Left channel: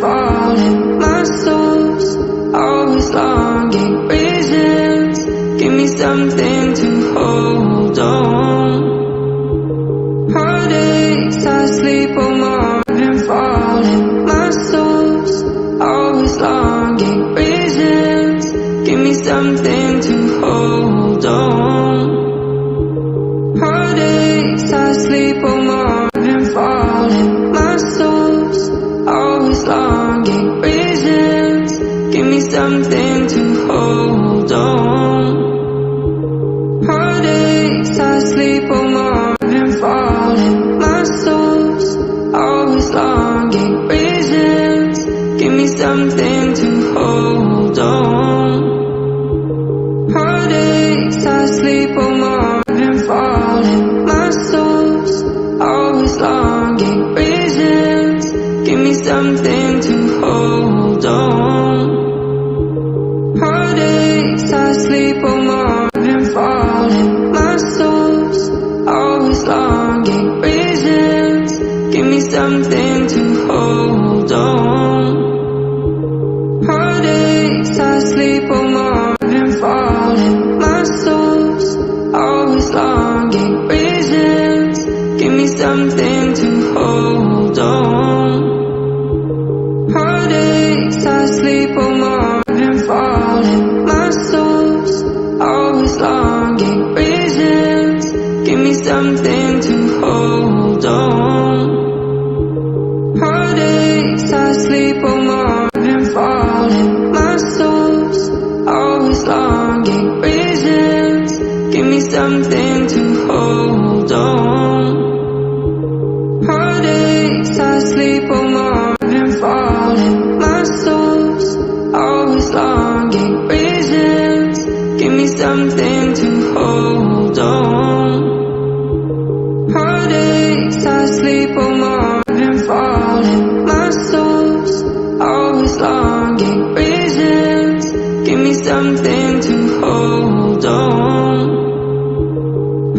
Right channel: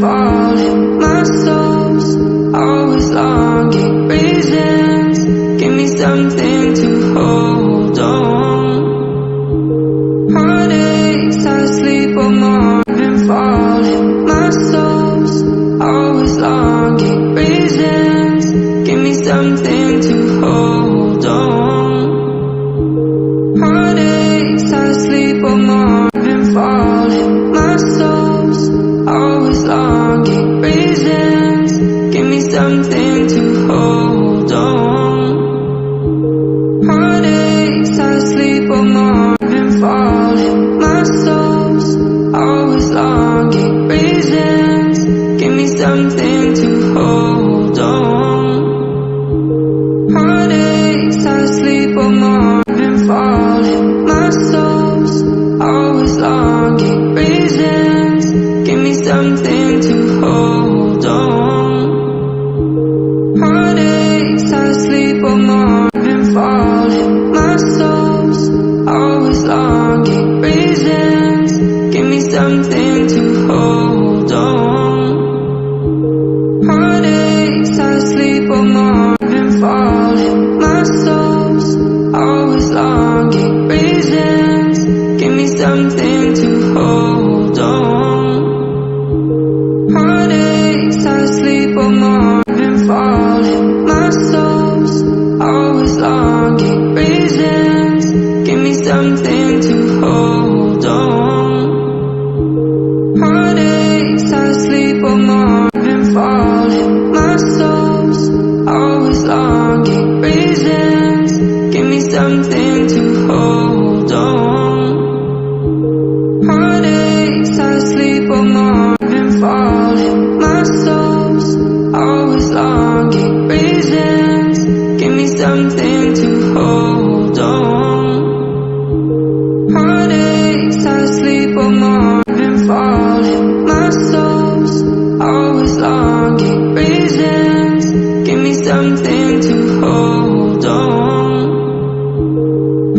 falling. My soul's always longing. Reasons, give me something to hold on. Heartaches, I sleep on morning falling. My soul's always longing. Reasons, give me something to hold on. Heartaches, I sleep on morning falling. My soul's always longing. Reasons, give me something to hold on. Heartaches, I sleep on morning falling. My soul's always longing. Reasons, give me something to hold on. Heartaches, I sleep on morning falling. My soul's always longing. Reasons, give me something to hold on. Heartaches, I sleep on morning falling. My soul's always longing. Reasons, give me something to hold on. Heartaches, I sleep on morning falling. My soul's always longing. Reasons, give me something to hold on. Heartaches, I sleep on morning falling. My soul's always longing. Reasons, give me something to hold on. Heartaches, I sleep on morning falling. My soul's always longing. Reasons, give me something to hold on. Heartaches, I sleep on morning falling. My soul's always longing. Reasons, give me something to hold on. Heartaches, I sleep on morning falling. My soul's always longing. Reasons, give me something to hold on.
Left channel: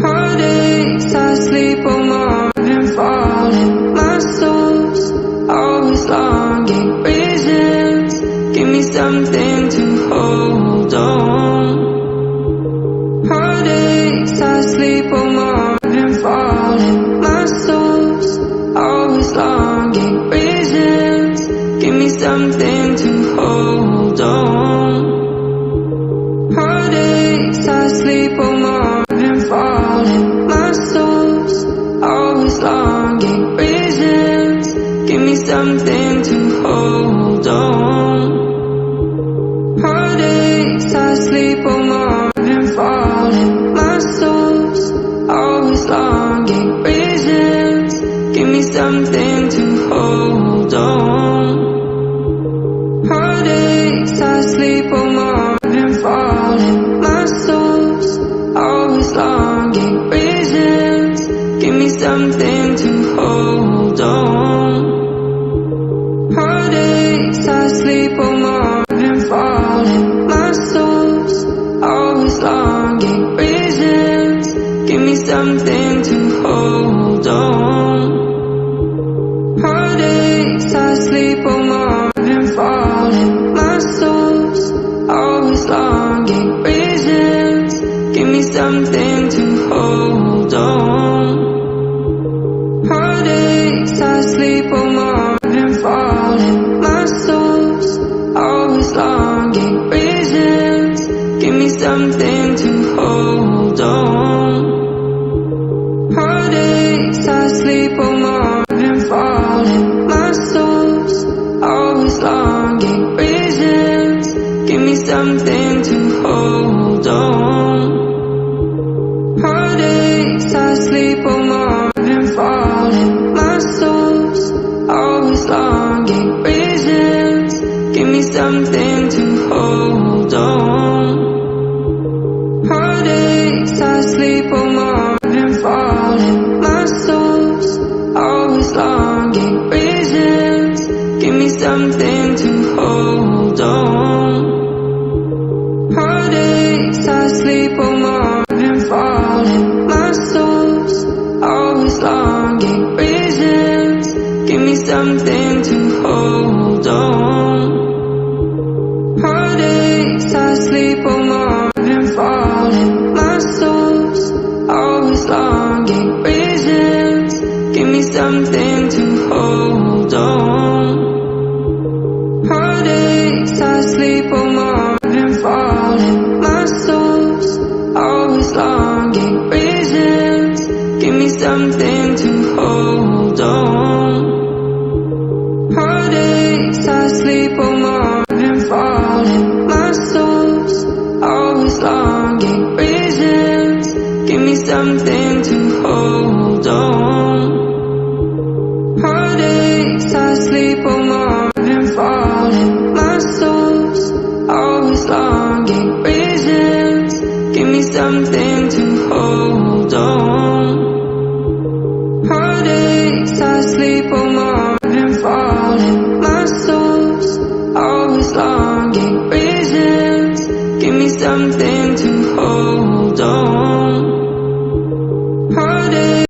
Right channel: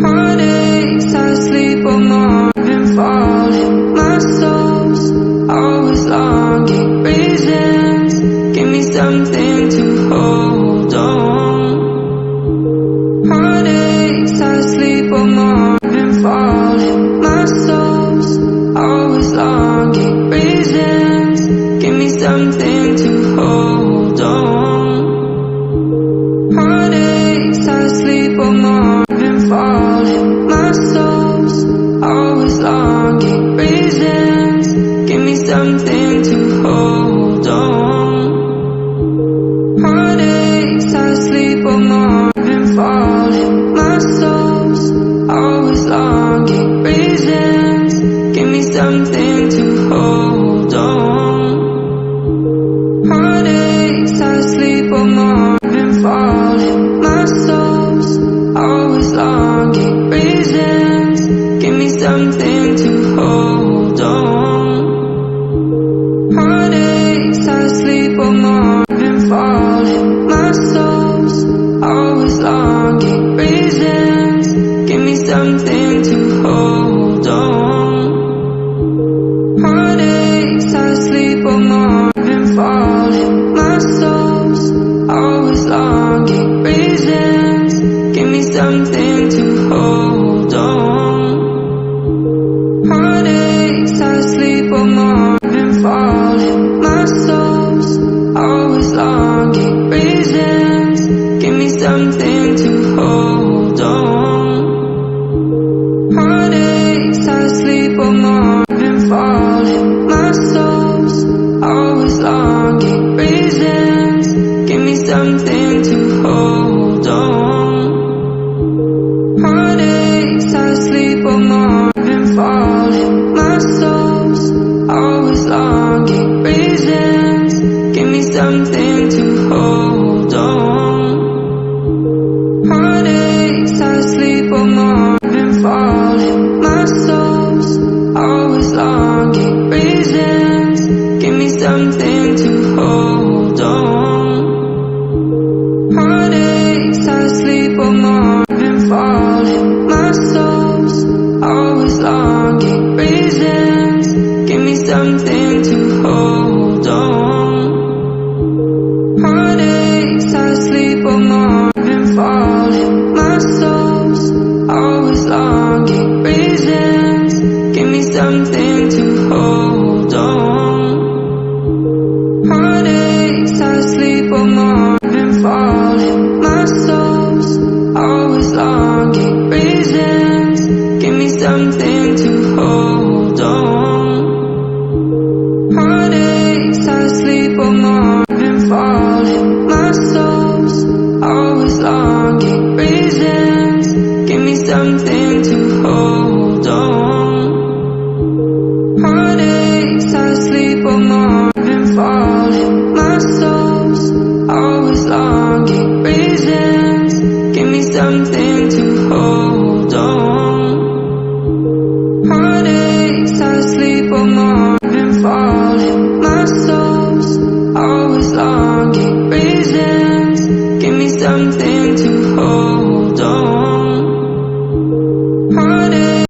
Heartaches, I sleep on morning falling. My soul's always longing. Reasons, give me something to hold on. Heartaches, I sleep on morning falling. My soul's always longing. Reasons, give me something to hold on. Heartaches, I sleep on morning falling. My soul's always longing. Reasons, give me something to hold on. Heartaches, I sleep on morning falling. My soul's always longing. Reasons, give me something to hold on. Heartaches, I sleep on morning falling. My soul's always longing. Reasons, give me something to hold on. Heartaches, I sleep on morning falling. My soul's always longing. Reasons, give me something to hold on. Heartaches, I sleep on morning falling. My soul's always longing. Reasons, give me something to hold on. Heartaches, I sleep on morning falling. My soul's always longing. Reasons, give me something to hold on. Heartaches, I sleep on morning falling. My soul's always longing. Reasons, give me something to hold on. Heartaches, I sleep on morning falling. My soul's always longing. Reasons, give me something to hold on. Heartaches, I sleep on morning falling. My soul's always longing. Reasons, give me something to hold on. Heartaches, I sleep on morning falling. My soul's always longing. Reasons, give me something to hold on. something to hold on. Heartaches, I sleep on morning falling. My soul's always longing. Reasons, give me something to hold on. Heartaches, I sleep on morning falling. My soul's always longing. Reasons, give me something to hold on. Heartaches, I sleep on morning falling. My soul's always longing. Reasons, give me something to hold on. Heartaches, I sleep on morning falling. My soul's always longing. Reasons, give me something to hold on.